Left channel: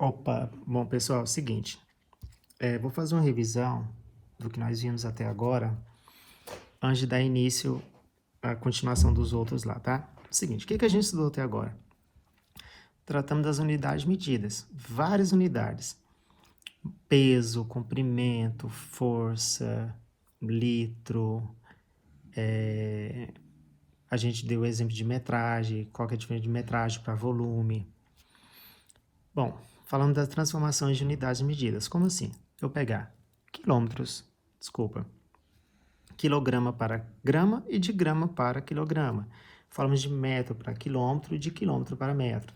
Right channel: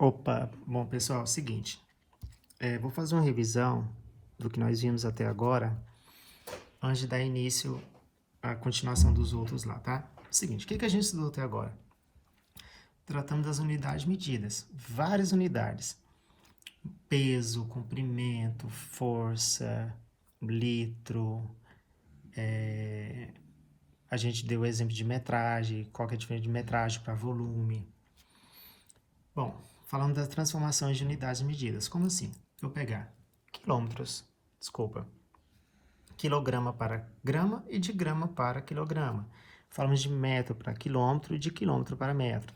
Opa, bom pessoal, é o seguinte, vou fazer uma revisão do que nós vimos até agora, antes de dar início à continuação dos outros lá, tá? Seguinte, o que a gente estudou até agora? Tratamos das unidades medidas, várias unidades, peso, comprimento, força, litro, a gente deu o exemplo de metragem, qual que é a diferença de metragem para volume. Bom, falando das transformações de unidades medidas, como assim? Eu pegar quilograma para grama e de grama para quilograma. Falamos de metro para quilômetro e de quilômetro para metro.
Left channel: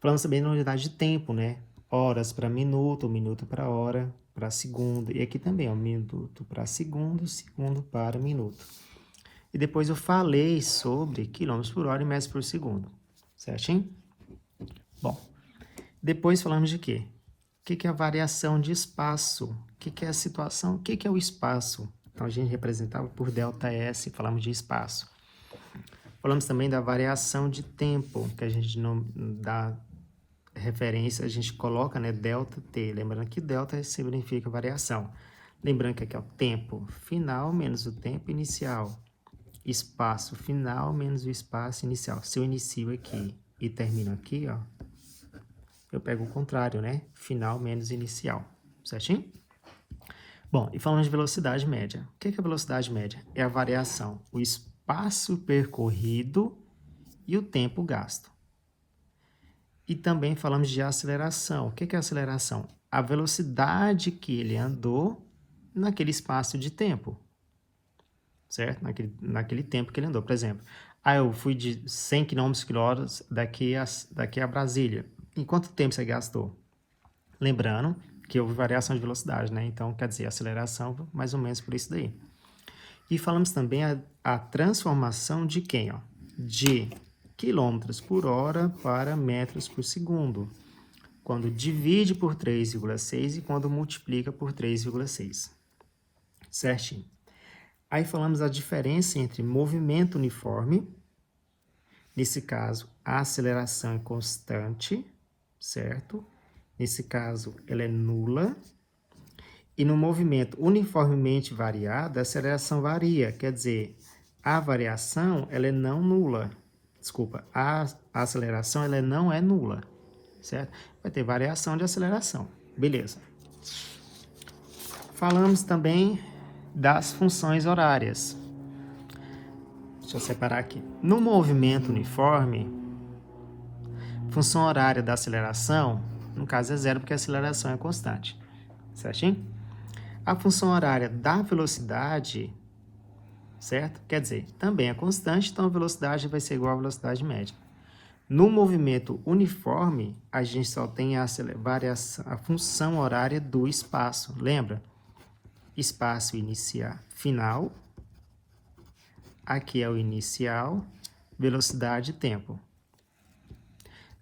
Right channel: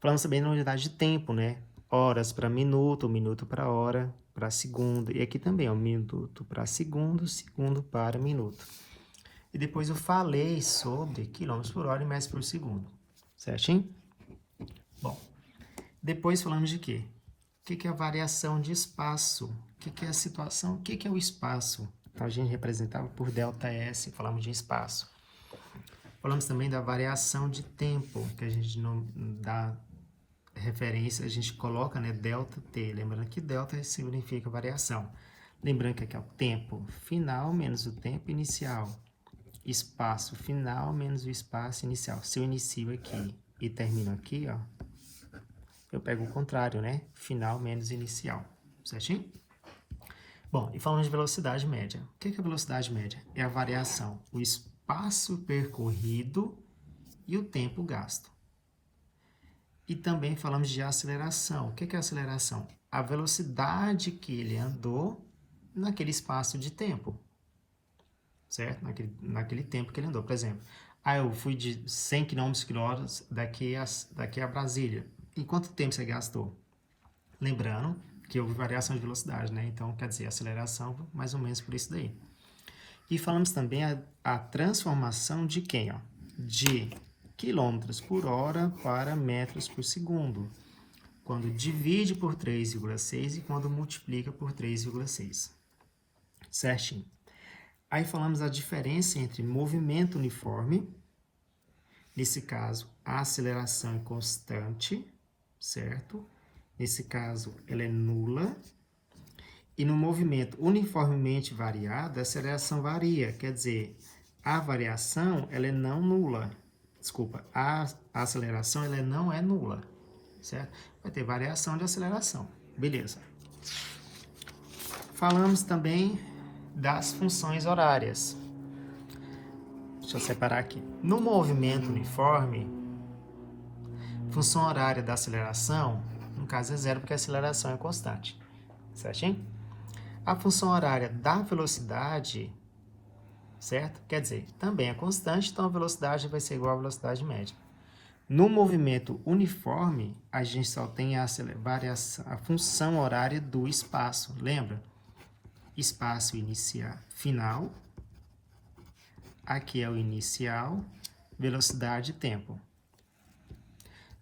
Falamos também na unidade de tempo, né? Horas para minuto, minuto para hora, para segundo. E aqui também, ó, minuto para segundo, segundo para minuto. E depois eu falei sobre quilômetros por hora e metros por segundo. Certinho? Bom, depois falamos de quê? O que é a variação de espaço? O que é a situação? O que é o espaço? Então, a gente representava por ΔS, falamos de espaço. Falamos também da variação de tempo, que a gente não dá referência, a gente coloca, né, ΔT. Lembrando que delta significa variação. Lembrando que aqui é o tempo final menos o tempo inicial. Espaço final menos o espaço inicial. Se eu inicio aqui e termino aqui, ó, eu pego o contrário, né? Final menos inicial. Certinho? Bom, e falamos de velocidade média. O que é a velocidade média? É a variação, o espaço percorrido e o tempo gasto. E também falamos de aceleração. O que é a aceleração? A velocidade que ele andou naquele espaço de tempo. Certo? Naquele tempo que ele andou. Por exemplo, eu fui de 100 km por hora daqui a Brasília. Em quanto tempo você gastou? Lembrando que houve variação de velocidade, né? Então, quer dizer, aceleração, mais ou menos por isso daí. E falamos também a transformação de quem? Ó? De quilômetros por hora para metros por segundo. Quando divide por 3,6 e quando multiplica por 3,6. Certinho. Aí falamos a diferença entre movimento uniforme, nesse caso, a aceleração é constante, certo? Nesse caso, ela é nula. E no movimento uniformemente variado, a aceleração varia. Quer dizer, a variação ela é não nula. Desculpa, a aceleração ela não é nula. Certo? Vai ter variação de aceleração. Beleza. Falamos também das funções horárias. Deixa eu separar aqui. No movimento uniforme, função horária da aceleração, no caso é zero, porque a aceleração é constante. Certinho? A função horária da velocidade, certo? Quer dizer, também é constante, então a velocidade vai ser igual à velocidade média. No movimento uniforme, a gente só tem a função horária do espaço. Lembra? Espaço final. Aqui é o inicial, velocidade e tempo.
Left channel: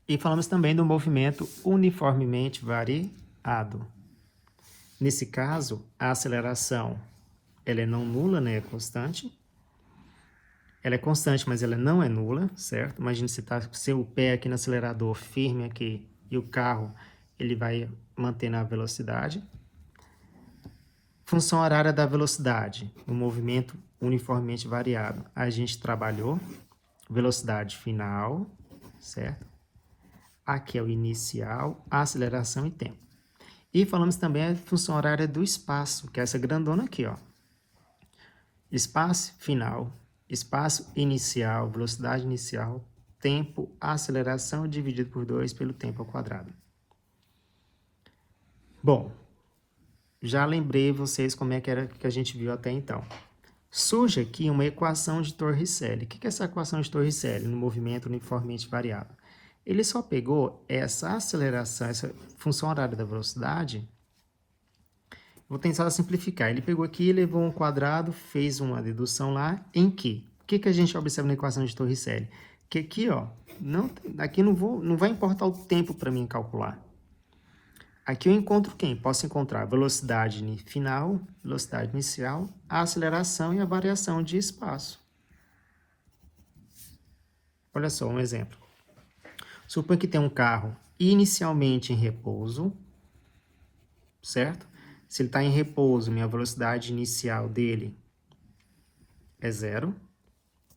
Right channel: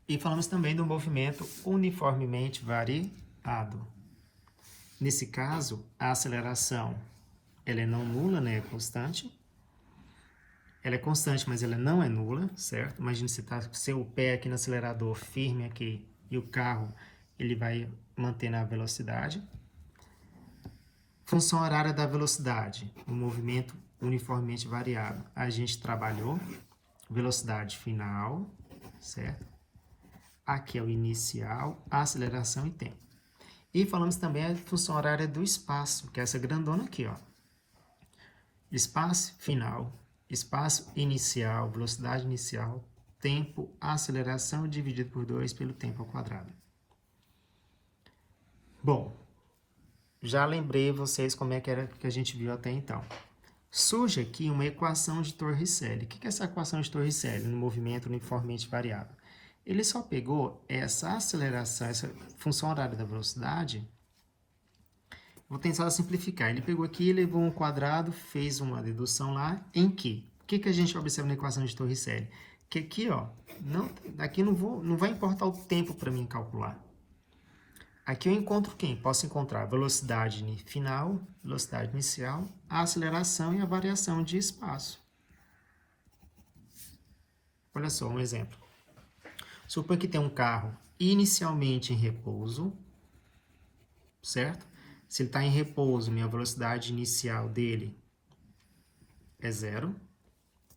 E falamos também do movimento uniformemente variado. Nesse caso, a aceleração ela é não nula, né? É constante. Ela é constante, mas ela não é nula, certo? Imagina você tá com seu pé aqui no acelerador, firme aqui, e o carro ele vai mantendo a velocidade. Função horária da velocidade, o movimento uniformemente variado. A gente trabalhou velocidade final, certo? Aqui é o inicial, aceleração e tempo. E falamos também a função horária do espaço, que é essa grandona aqui, ó. Espaço final, espaço inicial, velocidade inicial, tempo, aceleração dividido por 2 pelo tempo ao quadrado. Bom, já lembrei vocês como é que era que a gente viu até então. Surge aqui uma equação de Torricelli. O que é essa equação de Torricelli no movimento uniformemente variado? Ele só pegou essa aceleração, essa função horária da velocidade. Vou tentar simplificar. Ele pegou aqui, levou um quadrado, fez uma dedução lá, em que? O que a gente observa na equação de Torricelli? Que aqui, ó, aqui não vai importar o tempo para mim calcular. Aqui eu encontro quem? Posso encontrar a velocidade final, velocidade inicial, a aceleração e a variação de espaço. Olha só, um exemplo. Suponha que tem um carro inicialmente em repouso, certo? Se ele está em repouso, minha velocidade inicial dele é 0,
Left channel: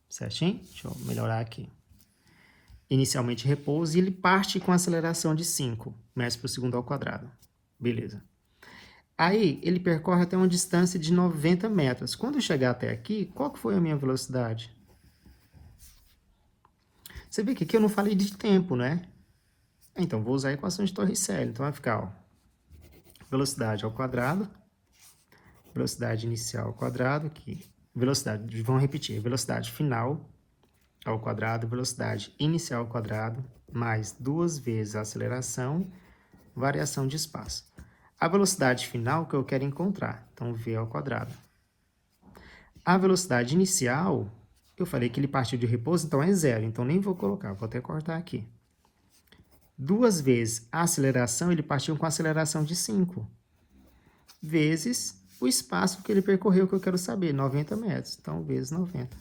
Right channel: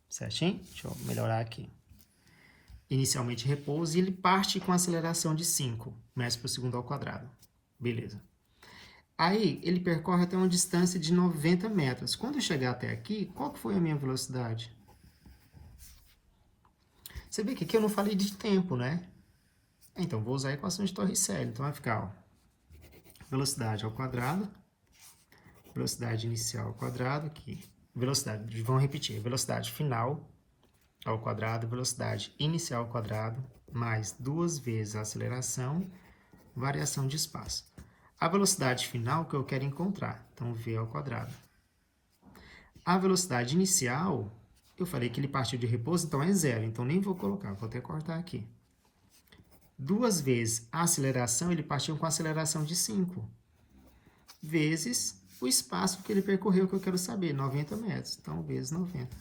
certinho? Deixa eu melhorar aqui. Inicialmente em repouso, e ele parte com aceleração de 5 metros por segundo ao quadrado. Beleza. Aí, ele percorre até uma distância de 90 metros. Quando eu chegar até aqui, qual que foi a minha velocidade? Você vê que aqui eu não falei de tempo, né? Então, vou usar a equação de Torricelli. Então, vai ficar, ó, velocidade ao quadrado, velocidade inicial ao quadrado, aqui, velocidade, vamos repetir, velocidade final ao quadrado, velocidade inicial ao quadrado, mais 2 vezes a aceleração, variação de espaço. A velocidade final que eu quero encontrar, então v ao quadrado. A velocidade inicial, eu falei que ele partiu de repouso, então é 0, então nem vou colocar, vou até cortar aqui. 2 vezes a aceleração, ele partiu com aceleração de 5, vezes o espaço que ele percorreu, que eu quero saber, 90 metros, então vezes 90.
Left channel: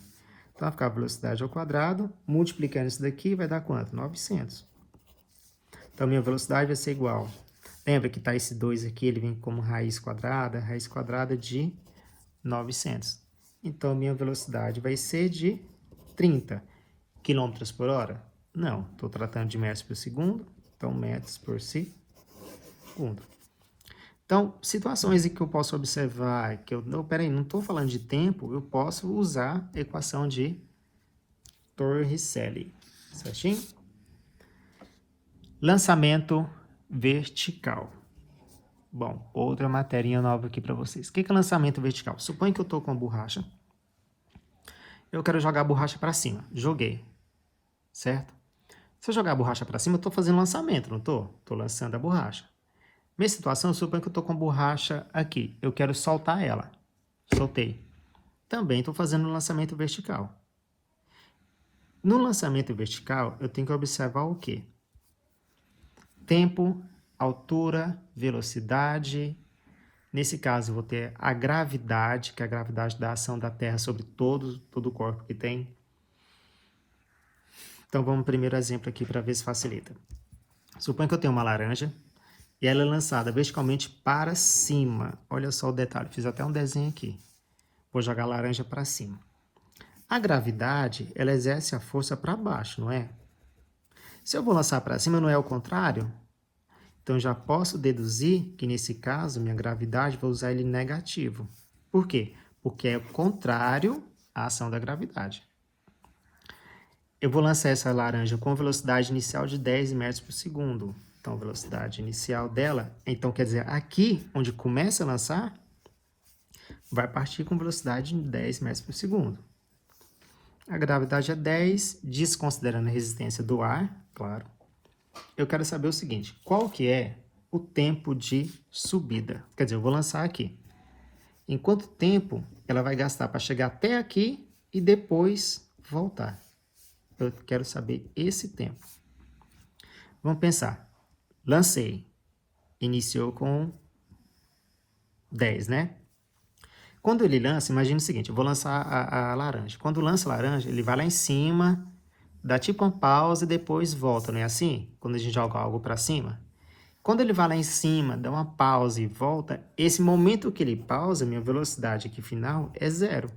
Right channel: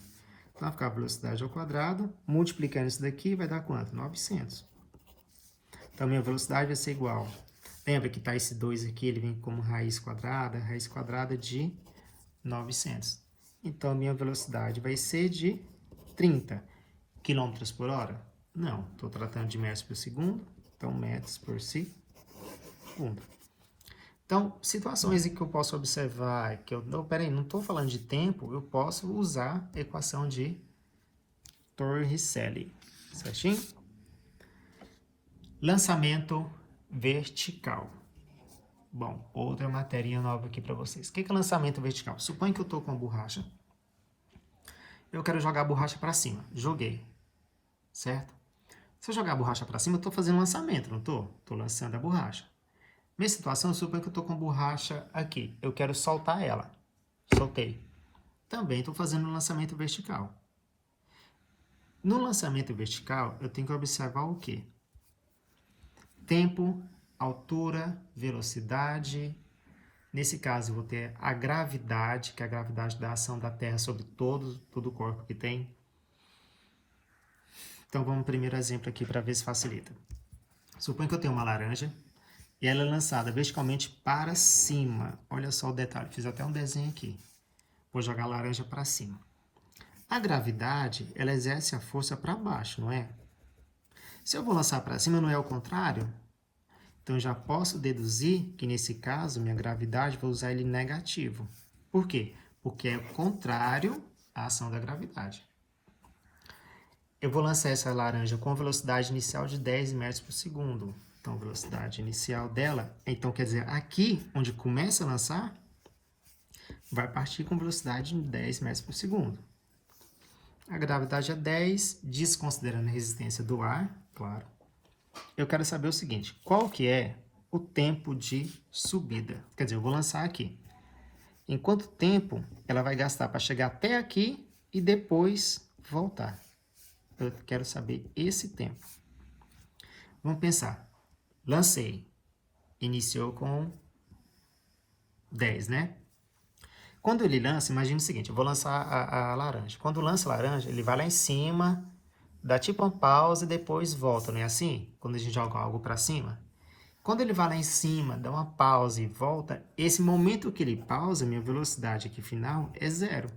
Então vai ficar a velocidade ao quadrado, multiplicando isso daqui, vai dar quanto? 900. Então, minha velocidade vai ser igual. Lembra que tá esse 2 aqui, ele vem como raiz quadrada de 900. Então, minha velocidade vai ser de 30 km por hora? Não, estou tratando de metros por segundo, então metros por segundo. Então, situações em que eu posso observar, que eu, não, peraí, não estou falando de tempo, eu posso usar a equação de Torricelli, certinho? Lançamento vertical. Bom, outra matéria nova aqui para vocês. O que é lançamento vertical? Suponha que eu estou com a borracha. Eu quero jogar a borracha para cima. Joguei, certo? Se eu jogar a borracha para cima, eu estou fazendo lançamento, não estou? Estou lançando a borracha. Minha situação, suponha que eu estou com a borracha aqui. Eu quero soltar ela. Soltei. Também estou fazendo um lançamento vertical. No lançamento vertical, eu tenho que observar o quê? Tempo, altura, velocidade. Nesse caso, eu vou ter a gravidade, que é a gravidade da ação da Terra sobre todo o corpo que tem. Então, vamos ao primeiro exemplo aqui para ver se facilita. Suponha que eu tenho uma laranja e ela é lançada verticalmente para cima. Olha só o detalhe, fiz até um desenho aqui. Vou jogar a laranja para cima. A gravidade, ela exerce a força para baixo, não é? Se eu vou lançar para cima, não é o contrário? Então, já posso deduzir que, nesse caso, minha gravidade, vou usar ele negativo. Por quê? Porque é o contrário à ação da gravidade. Eu vou lançar essa laranja com velocidade inicial de 10 metros por segundo. Então, a velocidade inicial dela, então, quer dizer, aqui, onde começa a lançar, vai partir com velocidade de 10 metros por segundo. A gravidade é 10, desconsiderando a resistência do ar, claro. Eu quero saber o seguinte, qual que é o tempo de subida? Quer dizer, eu vou lançar aqui. Em quanto tempo ela vai gastar para chegar até aqui e depois voltar? Eu quero saber esse tempo. Vamos pensar. Lancei. Iniciou com 10, né? Quando ele lança, imagine o seguinte, eu vou lançar a laranja. Quando lança a laranja, ele vai lá em cima, dá tipo uma pausa e depois volta, não é assim? Quando a gente joga algo para cima. Quando ele vai lá em cima, dá uma pausa e volta, esse momento que ele pausa, minha velocidade aqui final é 0.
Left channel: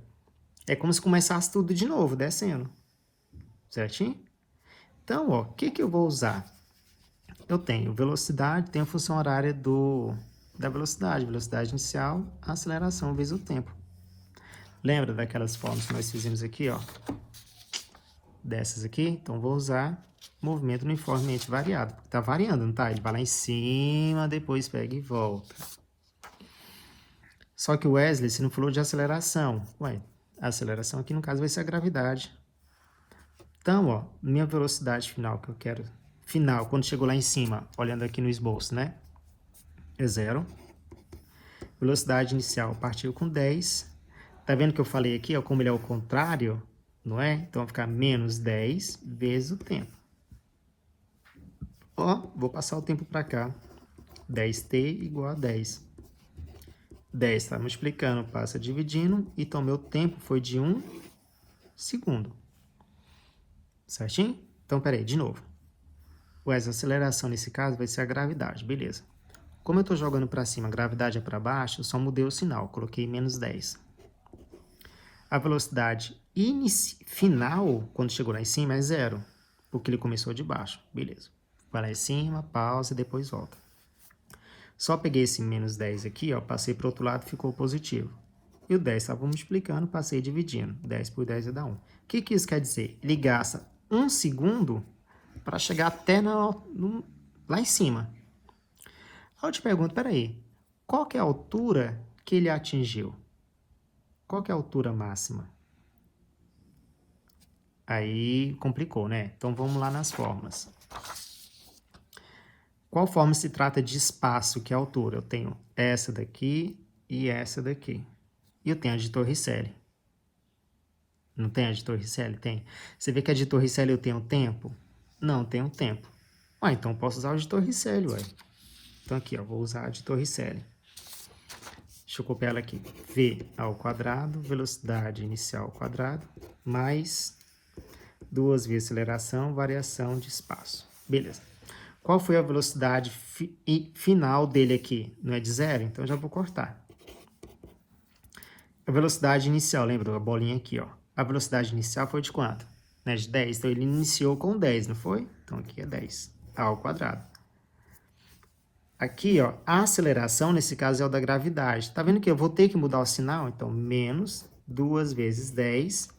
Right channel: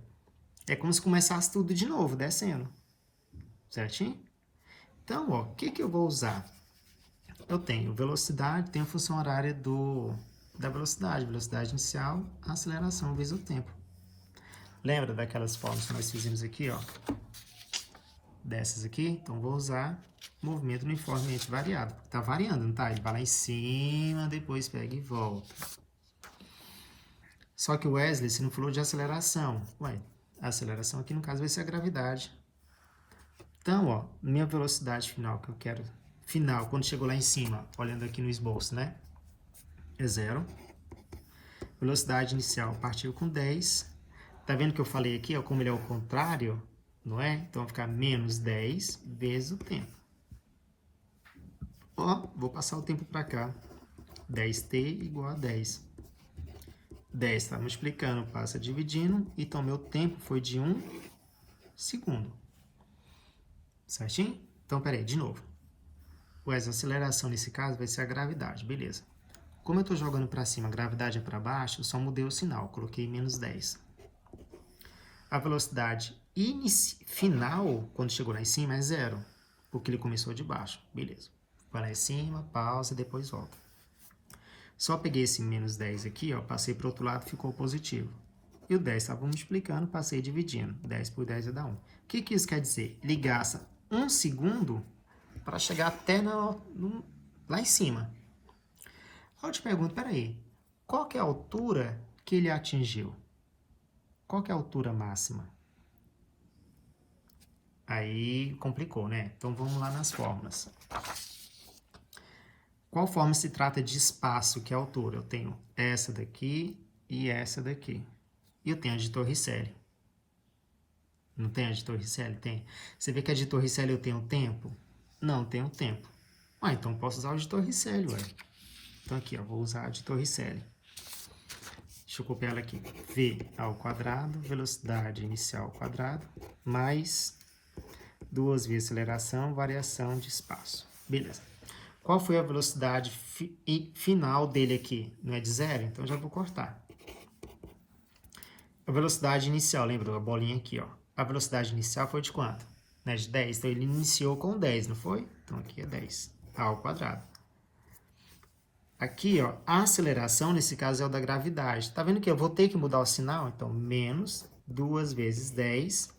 É como se começasse tudo de novo, descendo. Certinho? Então, ó, o que eu vou usar? Eu tenho velocidade, tenho a função horária da velocidade. Velocidade inicial, aceleração vezes o tempo. Lembra daquelas formas que nós fizemos aqui, ó? Dessas aqui? Então, vou usar movimento uniformemente variado. Tá variando, não tá? Ele vai lá em cima, depois pega e volta. Só que o Wesley, você não falou de aceleração. Ué, a aceleração aqui, no caso, vai ser a gravidade. Então, ó, minha velocidade final que eu quero... Final, quando chegou lá em cima, olhando aqui no esboço, né? É 0. Velocidade inicial partiu com 10. Tá vendo que eu falei aqui, ó, como ele é o contrário, não é? Então, vai ficar menos 10 vezes o tempo. Ó, vou passar o tempo para cá. 10t igual a 10. 10 está multiplicando, passa dividindo. Então, meu tempo foi de 1 segundo. Certinho? Então, peraí, de novo. Ué, a aceleração nesse caso vai ser a gravidade, beleza. Como eu estou jogando para cima, a gravidade é para baixo, eu só mudei o sinal, coloquei menos 10. A velocidade final, quando chegou lá em cima, é 0, porque ele começou de baixo, beleza. Vai lá em cima, pausa e depois volta. Só peguei esse menos 10 aqui, ó, passei para o outro lado, ficou positivo. E o 10 estava multiplicando, passei dividindo. 10 por 10 vai dar 1. O que isso quer dizer? Ele gasta 1 segundo para chegar até lá em cima. Eu te pergunto, peraí, qual que é a altura que ele atingiu? Qual que é a altura máxima? Aí complicou, né? Então vamos lá nas fórmulas. Qual forma se trata de espaço, que é a altura? Eu tenho essa daqui e essa daqui. E eu tenho a de Torricelli. Não tem a de Torricelli? Tem. Você vê que a de Torricelli eu tenho tempo? Não, tenho tempo. Ah, então eu posso usar a de Torricelli, ué. Então aqui, ó, vou usar a de Torricelli. Deixa eu copiar ela aqui. V ao quadrado, velocidade inicial ao quadrado, mais 2 vezes aceleração, variação de espaço. Beleza. Qual foi a velocidade final dele aqui? Não é de 0? Então já vou cortar. A velocidade inicial, lembra da bolinha aqui, ó. A velocidade inicial foi de quanto? Né, de 10. Então, ele iniciou com 10, não foi? Então, aqui é 10 ao quadrado. Aqui, ó, a aceleração, nesse caso, é o da gravidade. Tá vendo que eu vou ter que mudar o sinal? Então, menos 2 vezes 10.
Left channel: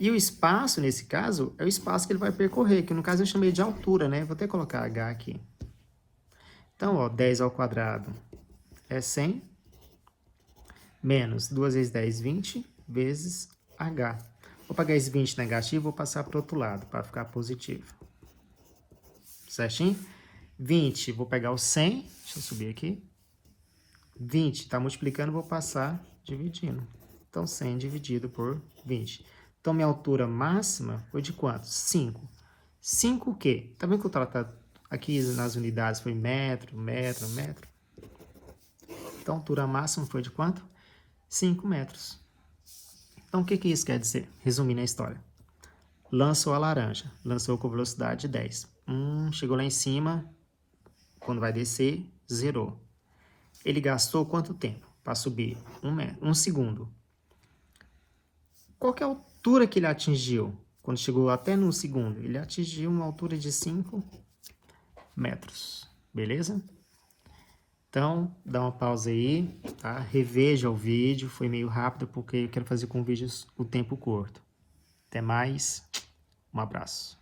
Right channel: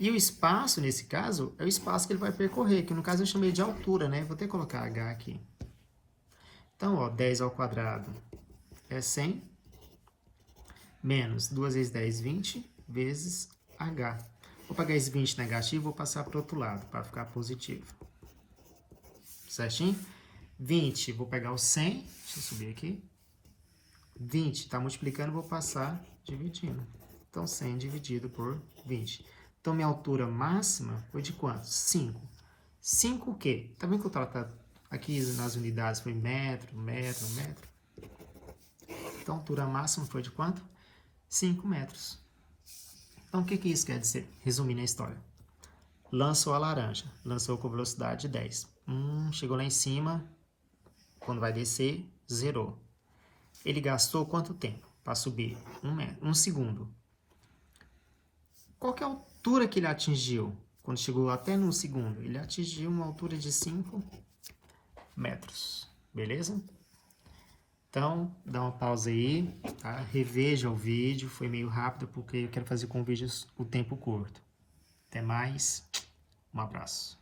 E o espaço, nesse caso, é o espaço que ele vai percorrer, que no caso eu chamei de altura, né? Vou até colocar H aqui. Então, ó, 10 ao quadrado é 100. Menos 2 vezes 10, 20, vezes H. Vou pegar esse 20 negativo e vou passar para o outro lado, para ficar positivo. Certinho? 20, vou pegar o 100, deixa eu subir aqui. 20 está multiplicando, vou passar dividindo. Então, 100 dividido por 20. Então, minha altura máxima foi de quanto? 5. 5 o quê? Tá vendo que eu trato aqui nas unidades foi metro, metro, metro? Então, a altura máxima foi de quanto? 5 metros. Então, o que isso quer dizer? Resumindo a história. Lançou a laranja. Lançou com velocidade 10. Chegou lá em cima. Quando vai descer, zerou. Ele gastou quanto tempo para subir? 1 segundo. Qual que é a altura que ele atingiu? Quando chegou até no segundo, ele atingiu uma altura de 5 metros. Beleza? Então, dá uma pausa aí, tá? Reveja o vídeo, foi meio rápido porque eu quero fazer com vídeos o tempo curto. Até mais, um abraço.